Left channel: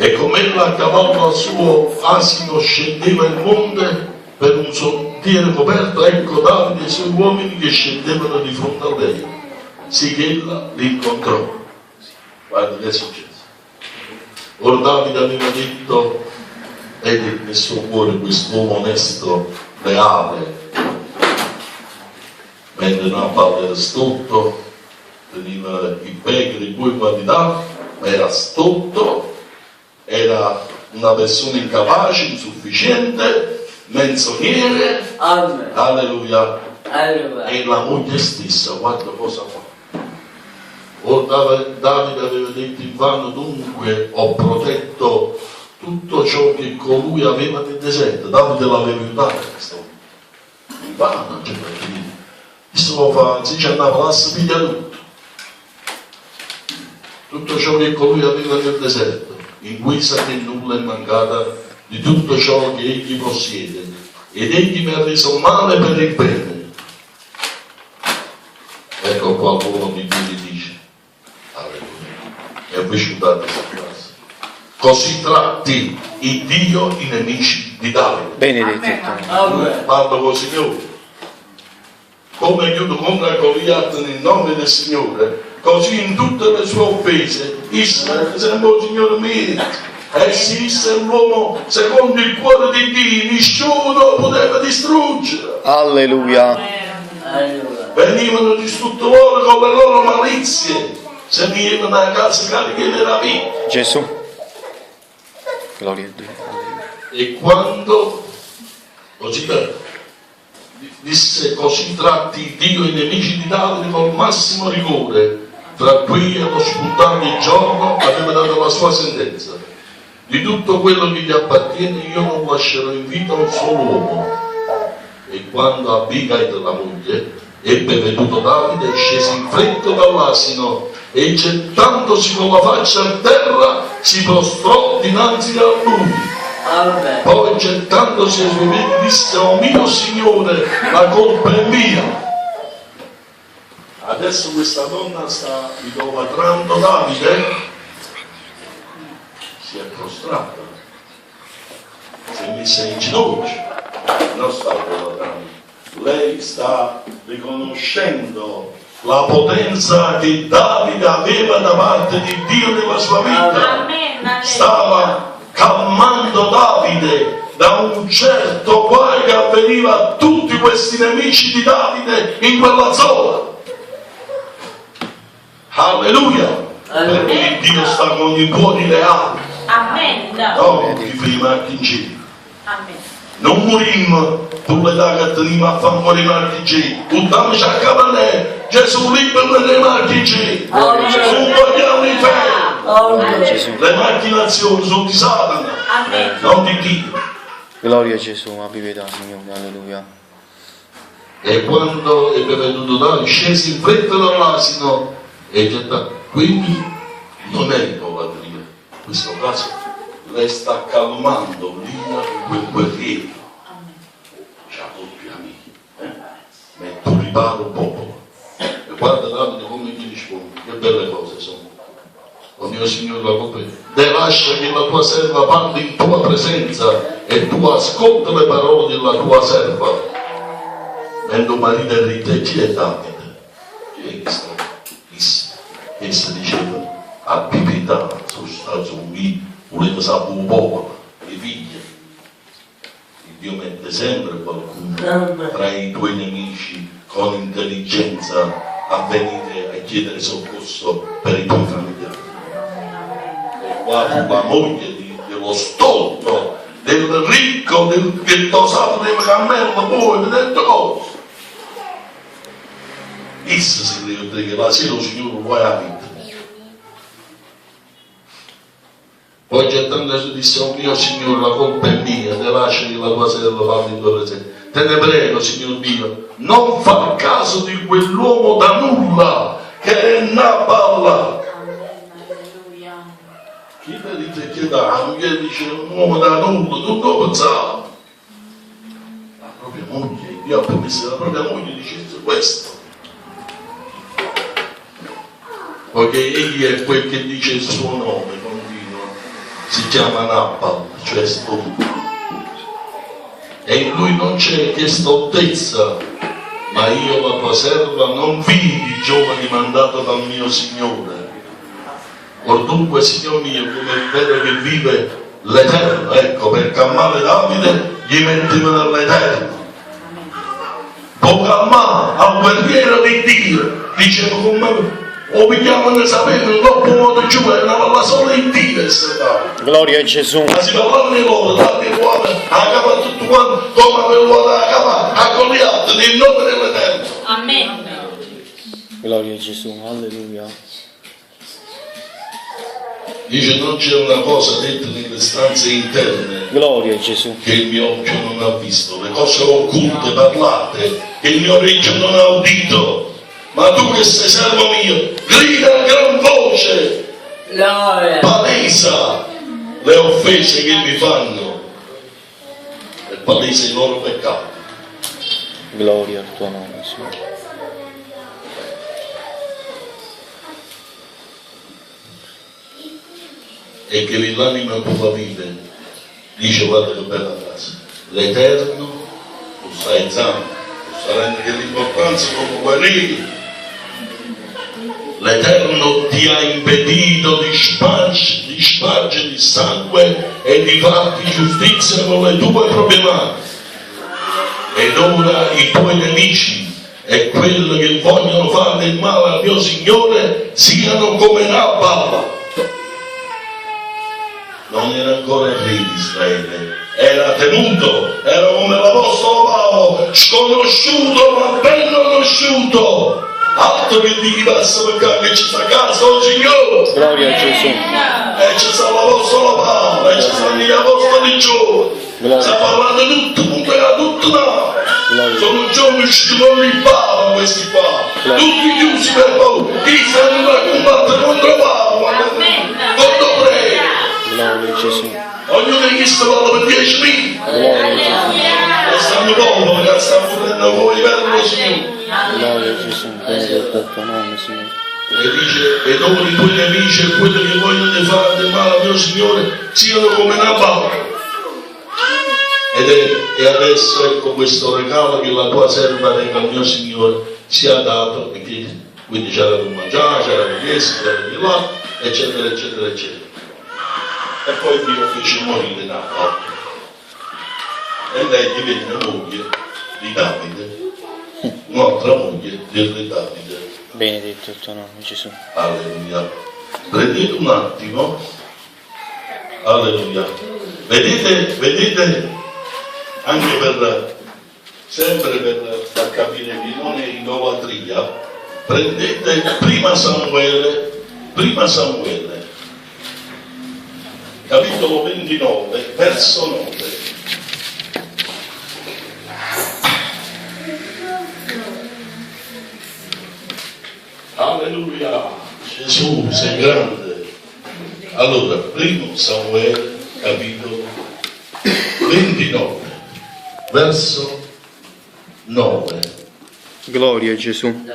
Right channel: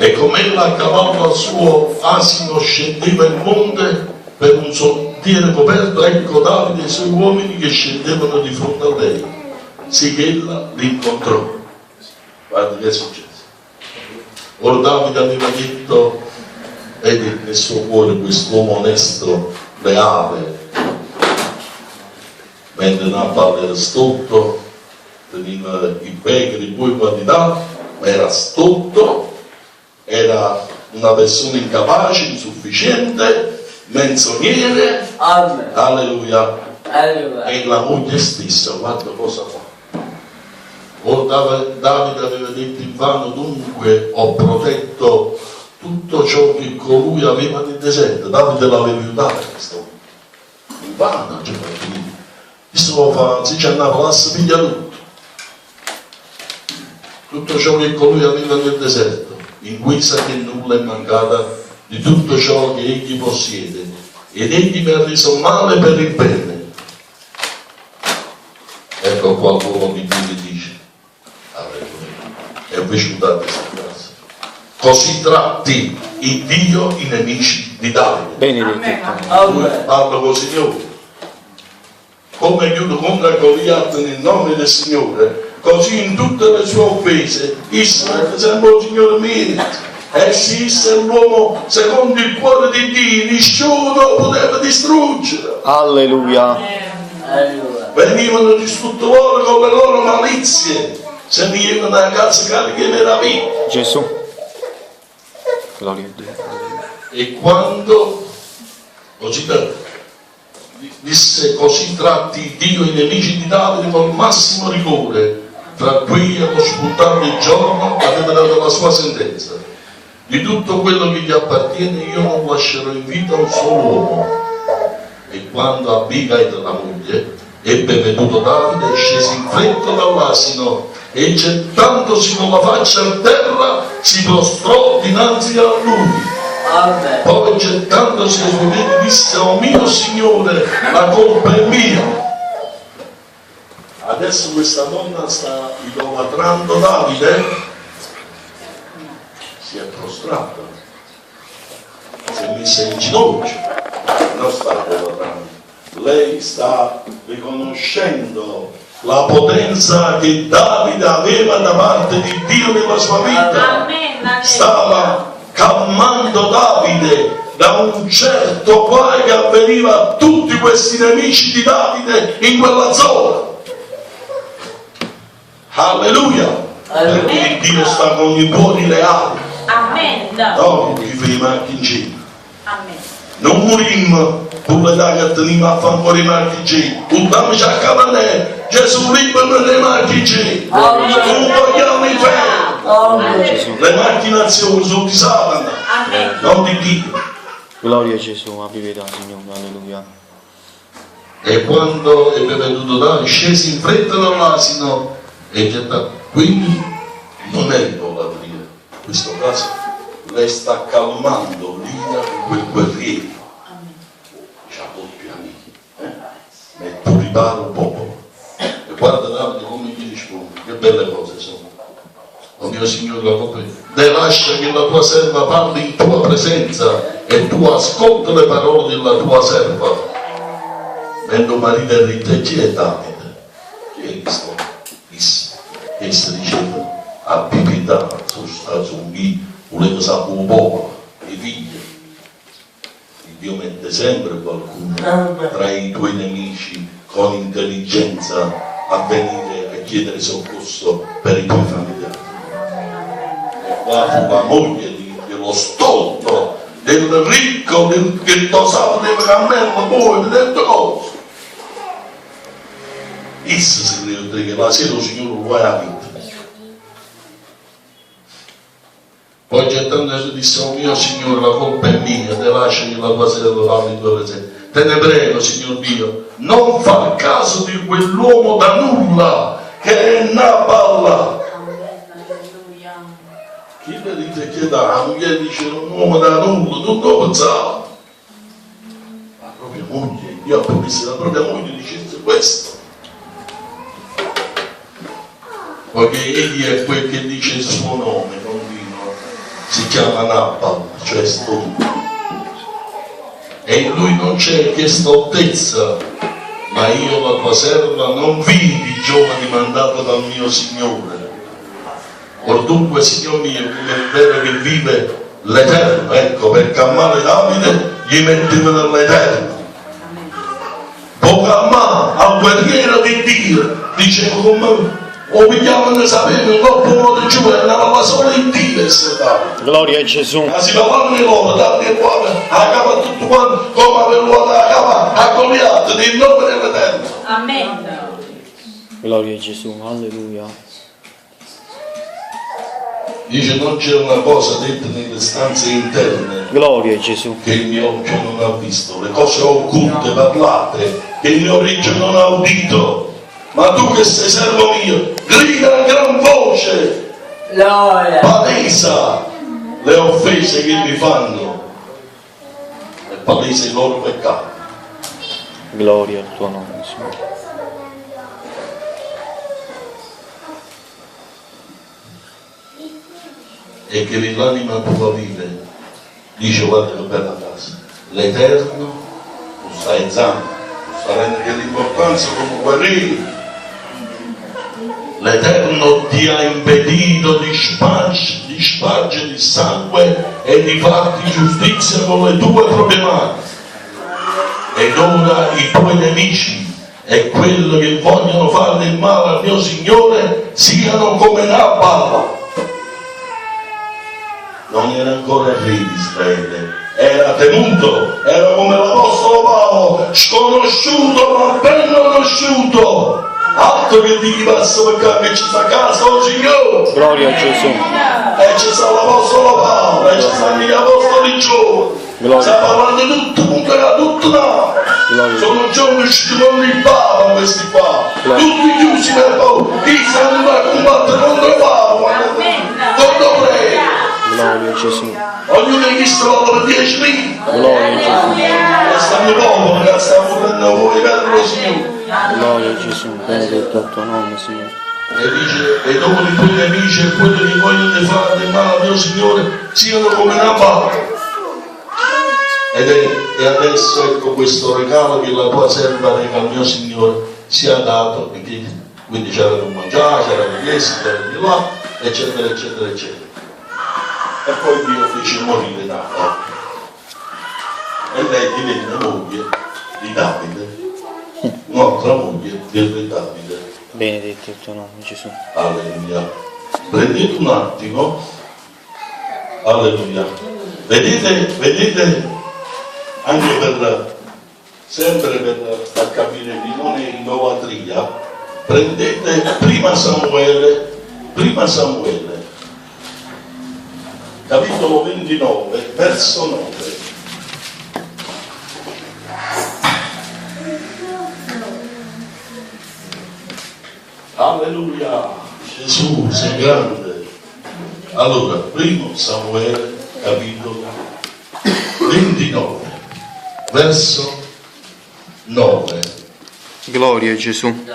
E come ella a cavallo al suo asino scendeva il monte per un sentiero coperto, ecco Davide e i suoi uomini che scendevano di fronte a lei, sicché ella li incontrò. Guarda che è successo. Ora Davide aveva detto, vedi nel suo cuore quest'uomo onesto, leale, mentre non a parlare stolto, teneva i becchi di cui quantità, era stolto, era una persona incapace, insufficiente, menzognere. Amen. Alleluia. Alleluia. E la moglie stessa, guarda cosa fa. Ora Davide aveva detto invano, dunque ho protetto tutto ciò che colui aveva nel deserto. Davide l'aveva aiutato, invano, cioè, questo fa, si andava là, si piglia tutto ciò che colui aveva nel deserto, in guisa che nulla è mancata di tutto ciò che egli possiede, ed egli mi ha reso male per il bene. Ecco qua l'uomo di Dio dice, alleluia, è vissuta questa frase. Così tratti il Dio i nemici di Davide. Benedetto. Parlo col Signore. Come chiudo contro Goliat nel nome del Signore, così in tutte le sue offese, Israele sembra il Signore mio. E se esse è l'uomo secondo il cuore di Dio, nessuno poteva distruggere. Alleluia. Venivano distruttori con le loro malizie, se venivano a casa cariche di meraviglia. Gesù. Gloria a Dio. Alleluia. E quando così disse così tratti Dio i nemici di Davide col massimo rigore, tra cui allo spuntare il giorno aveva dato la sua sentenza: di tutto quello che gli appartiene io non lascerò in vita un solo uomo. E quando Abigail, la moglie, ebbe veduto Davide, scese in fretta dall'asino e gettandosi con la faccia a terra si prostrò dinanzi a lui. Amen. Poi gettandosi ai suoi piedi disse: oh mio Signore, la colpa è mia. Adesso questa donna sta idolatrando Davide, si è prostrata, si è messa in ginocchio, non sta idolatrando, lei sta riconoscendo la potenza che Davide aveva da parte di Dio nella sua vita. Stava calmando Davide da un certo guai che avveniva a tutti questi nemici di Davide in quella zona. Alleluia! Perché Dio sta con i cuori leali. Amen. No, chi firma anche in giro. Amen. Non morimmo pure da che teniamo a fare ancora i marchi in giro. Buttamici a capanè, Gesù libero nei marchi in giro. Non vogliamo in fede. Le macchinazioni sono di Satana, non di Dio. Gloria a Gesù, abbi pietà, Signore, alleluia. E quando ebbe veduto Davide, scese in fretta dall'asino e gettato. Quindi non è idolatria. In questo caso lei sta calmando l'ira di quel guerriero. C'ha doppia amica. Ma tu ripara un popolo. E guarda Davide come gli risponde, che belle cose sono. Oh mio Signore, la colpa è mia. Lascia che la tua serva parli in tua presenza e tu ascolta le parole della tua serva. Mentre marito è ricco, chi è Davide? Chi è questo? Che si diceva a pipità su me, volete sapere un popolo, i figli. Dio mette sempre qualcuno tra i tuoi nemici con intelligenza a venire a chiedere soccorso per i tuoi familiari. E guarda la moglie dello stolto, del ricco, che tosava del cammello, poi del cose. Essa si crede che la sera il Signore vuole la vita. Poi gettandosi disse: oh mio Signore, la colpa è mia, te lascia che la tua serva parli in tua presenza. Te ne prego, Signor Dio, non far caso di quell'uomo da nulla che è Nabal. Chi le dite che da moglie dice un uomo da nulla, non lo pensava. La propria moglie, Dio ha promesso che la propria moglie dicesse questo. Poiché egli è quel che dice il suo nome, continua, si chiama Nabal, cioè stolto. E in lui non c'è che stoltezza, ma io la tua serva non vidi i giovani mandati dal mio Signore. Or dunque, Signore mio, come è vero che vive l'Eterno, ecco, per calmare Davide gli metteva nell'Eterno. Può calmare al guerriero di Dio, diceva come o vediamo noi sapere in troppo modo giù e andava solo in Dio e se dava. Gloria a Gesù. Ma si parlava di loro, dammi ruota, a capa tutto quanto, come per ruota a capa, a Goliath, nel nome dell'Eterno. Amen. Gloria a Gesù. Alleluia. Dice non c'è una cosa detta nelle stanze interne Gloria a Gesù. che il mio occhio non ha visto, le cose occulte parlate che il mio orecchio non ha udito. Ma tu che sei servo mio, grida a gran voce, palesa le offese che mi fanno e palesa i loro peccati. Gloria al tuo nome, Signore. E che l'anima tua vive, dice guarda che bella casa, l'Eterno tu stai zanno, tu stai rendendo l'importanza come guarire. L'Eterno ti ha impedito di spargere il sangue e di farti giustizia con le tue proprie mani. Ed ora i tuoi nemici e quelli che vogliono fare del male al mio Signore siano come Nabal. Non era ancora re di Israele, era tenuto, era come l'Apostolo Paolo, sconosciuto ma ben conosciuto. Altro che di chi passa perché ci sta a casa il Signore. Gloria a Gesù. E ci sta l'Apostolo Paolo, e ci stanno gli Apostoli giovani. Sta parlando tutto, punto da tutto no. Sono giovani usciti con il Papa questi qua. Tutti chiusi per paura. Chi stanno da combattere contro Papa? Quando prega. Gloria a Gesù. Ognuno di questi vale per 10.000. Gloria a Gesù. E stanno poveri, che stanno prendendo voi per lo Signore. Gloria a Gesù. Benedetto il tuo nome, Signore. E dice, e dopo i tuoi nemici e quelli che vogliono fare del male al mio Signore siano come Nabal. E adesso ecco questo regalo che la tua serva reca al mio Signore sia dato, quindi c'era da mangiare, c'era da chiesa, c'era di là, eccetera, eccetera, eccetera. E poi Dio fece morire Nabal. E lei divenne moglie di Davide, un'altra moglie del re Davide. Benedetto il tuo nome, Gesù. Alleluia. Prendete un attimo. Alleluia. Vedete anche per sempre per far capire che non è idolatria, prendete prima Samuele, capitolo 29, verso 9. Alleluia, Gesù sei grande. Allora, primo Samuele, capitolo 29, verso 9. Gloria a Gesù.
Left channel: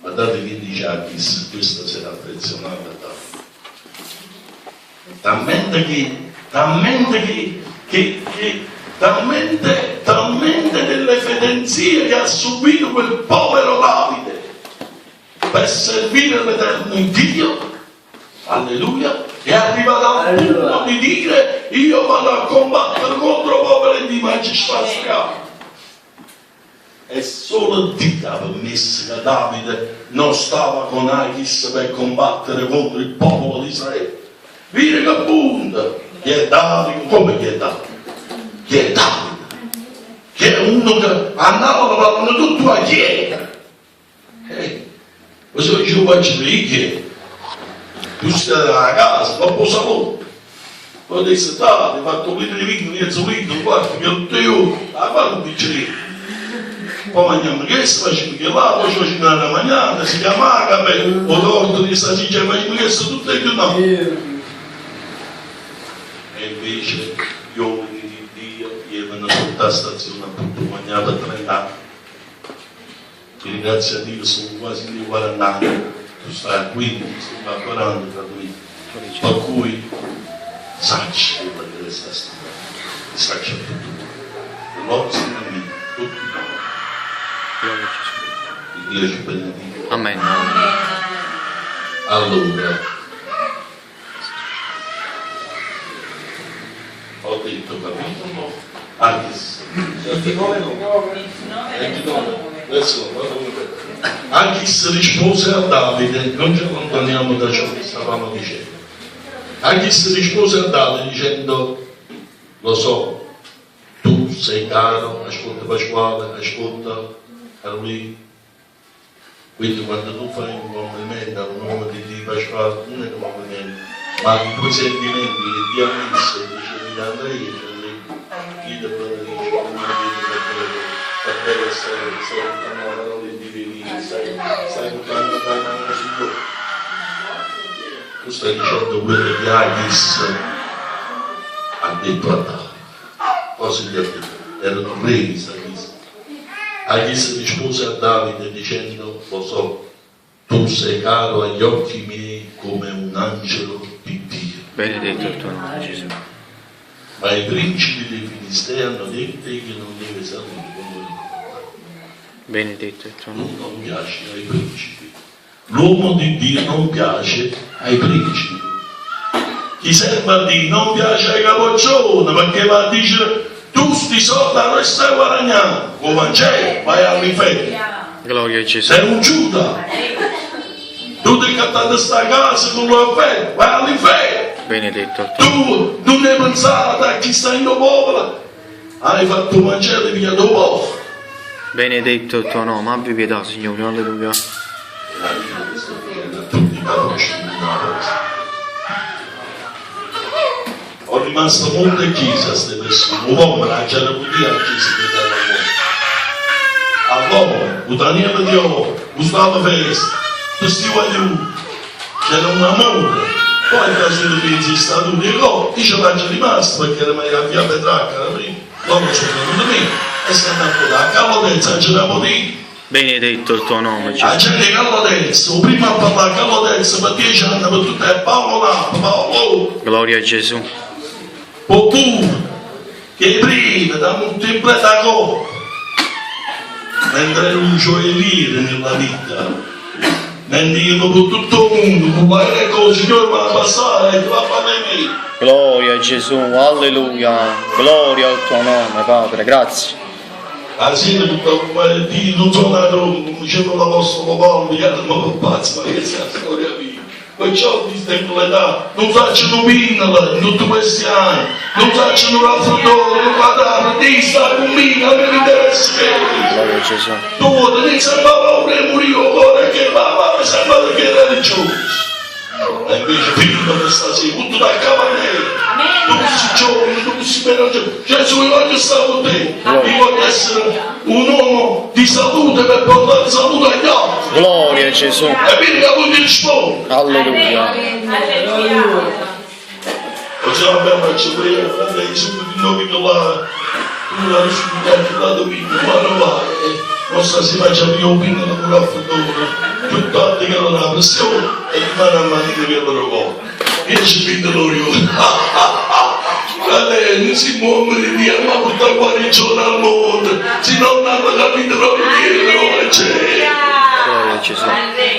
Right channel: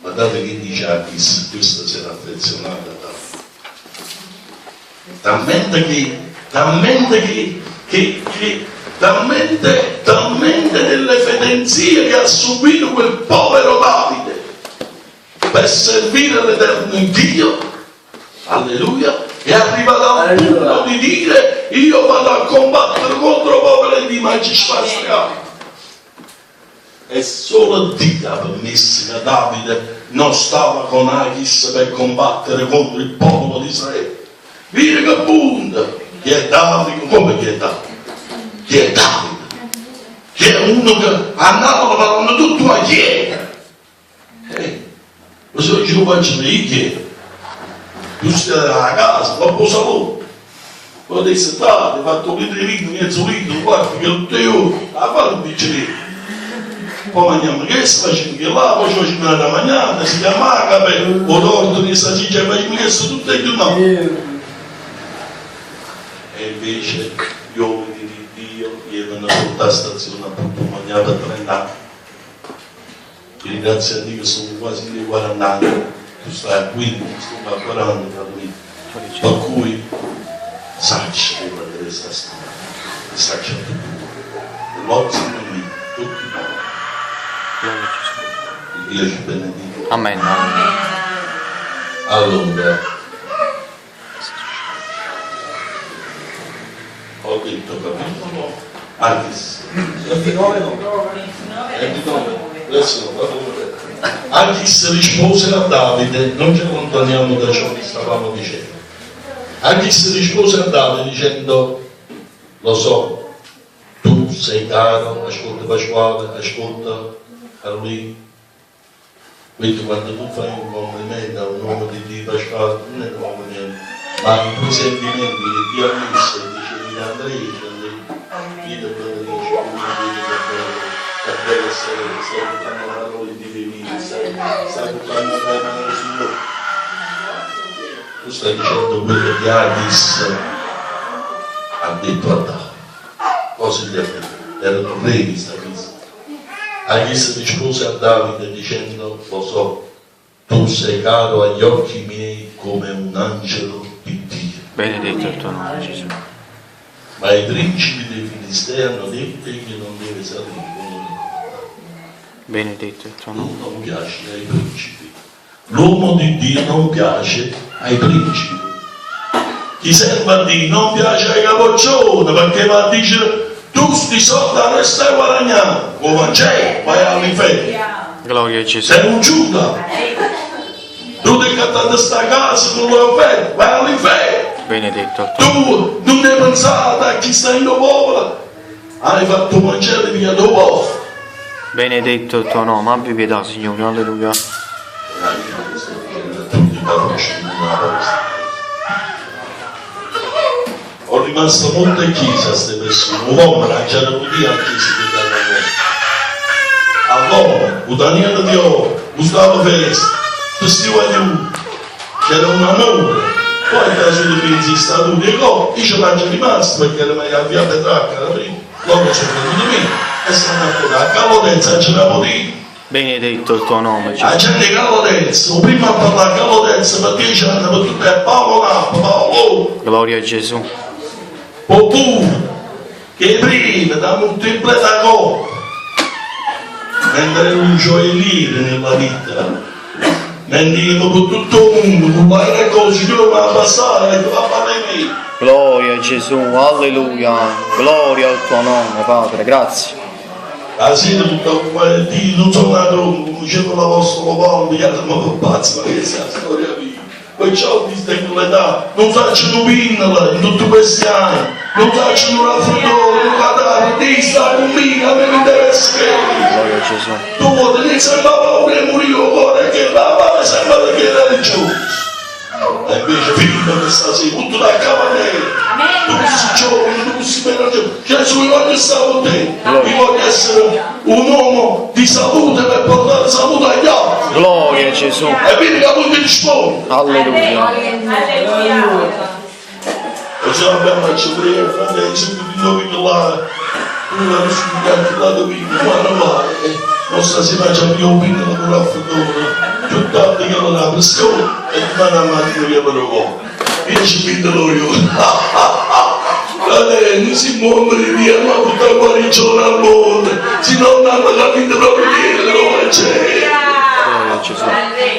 Guardate che dice Achis, questo si era affezionato a talmente delle fedenzie che ha subito quel povero Davide per servire l'Eterno Dio, alleluia, è arrivato al punto di dire io vado a combattere contro poveri di magistrati. E solo Dio ha permesso che Davide non stava con Achis per combattere contro il popolo di Israele. Vedi che punto, chi è Davide? Come chi è Davide? Chi è Davide? Che è uno che andava parlando tutto a chiesa. Questo che ci faccio di che? Tu stai a casa, ma poi saluto. Poi adesso hai fatto un litro di vino, mezzo litro, guarda che tutto io, a fare un bicchiere. Poi mangiamo questo, facciamo che là, poi ci facciamo la mangiata, si chiama cape, o torto di stasera, facciamo questo tutto e più no. E invece gli uomini di Dio erano tutta la stazione appunto mangiata 30 anni. Ringrazio a Dio, sono quasi di 40 anni, tu stai a 15, sto a 40 per cui Sacci che guardare sta storia, sacci a tutti, l'ozio di tutti, Gloria a Gesù. Dio ci benedica. Amen. Amen. Allora, ho detto capitolo, Achis rispose a Davide, non ci allontaniamo da ciò che stavamo dicendo. Achis rispose a Davide dicendo, lo so, tu sei caro, ascolta Pasquale, ascolta a lui. Quindi quando tu fai un complimento a un uomo di Dio Pasquale, non è un complimento, ma i tuoi sentimenti che Dio ha messo e dice di Andrea, dice Dio te lo dice, per te che stai buttando la parola di Dio, stai buttando la parola del Signore. Tu stai dicendo quello che Achis ha detto a Davide. Cosa gli ha detto? Erano re di Israele. Achis rispose a Davide dicendo, lo so, tu sei caro agli occhi miei come un angelo di Dio. Benedetto il tuo nome, Gesù. Ma i principi dei Filistei hanno detto che non deve salire. Benedetto il tuo nome. Tu non piaci ai principi. L'uomo di Dio non piace ai principi. Chi serve a Dio non piace ai capoccioni perché va a dire tu sti soldi non stai guadagnando, o Vangelo, vai all'inferno. Gloria a Gesù. Sei un Giuda. Tu devi cattare sta casa con l'offerta, vai all'inferno. Benedetto il tuo nome. Tu non devi pensare a chi sta in popolo, hai fatto un Vangelo via dopo. Benedetto il tuo nome. Abbi pietà, Signore. Alleluia. Ho rimasto molte chiese a queste persone, un uomo la c'era pure a chiesa che danno all'uomo, un Daniele di Oro, Gustavo Festa, questi uomini, c'era un amore, poi da solo pensi è stato un io ci faccio rimasto perché era meglio a via Petrarca, l'uomo c'è venuto me e stanno a portare a Calodenza, ce l'ha potuto. Benedetto il tuo nome, La Gesù. gente Calodenza, prima a parlare a Calodenza per 10 anni per tutte a Paolo Napoli, Paolo. Gloria a Gesù. Oppure che prima da moltiplicare cose mentre ero un gioielliere nella vita mentre io per tutto il mondo non fai le cose che io mi abbassare e tu va a fare me. Gloria a Gesù. Alleluia. Gloria al tuo nome, Padre. Grazie. La sera tutta come Dio non sono nato come dicevo l'Apostolo Paolo gli altri ma pazzi ma che è la storia mia. Perciò ti tengo l'età, non faccio pinnola in tutti questi anni, non faccio la futuro, non guardare, ti sta con me, a me mi interessa che Gloria a Gesù. tu ti sembra paura e morire ora che papà mi sembra che era religioso. E invece figlio che sta sì, tutto da cavalletto, tu si giovane, tu si meno Gesù io voglio stare con te, io voglio essere un uomo di salute per portare salute agli altri. Gloria a Gesù. E quindi che vuol risponde. Alleluia. E se abbiamo fatto prima, fratelli, sempre di noi che là, una risposta da dove ma non va, non sta si faccia più opinione con la futuro, tutto altro che non ha pressione e rimane a mattina che loro vuole. E ci vedo loro io. Non si muove di via, ma tutta guarigione al mondo, se non hanno capito proprio che c'è. Gloria a Gesù.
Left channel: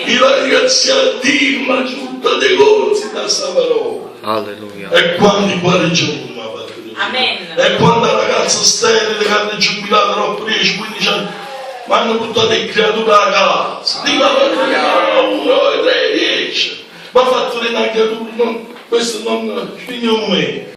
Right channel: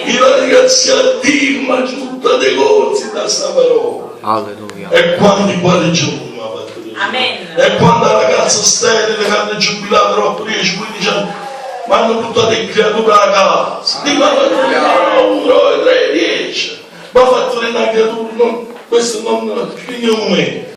Io ringrazio a Dio, ma tutta dei corsi da sta parola. Alleluia. E quando guarigione mi ha fatto Dio. Amen. E quando la ragazza sterile che hanno giubilato troppo 10-15 anni, mi hanno buttato le creature a casa. Dico, ma 1, 2, 3, 10. Ma ha fatto le creature, questo non finiamo me.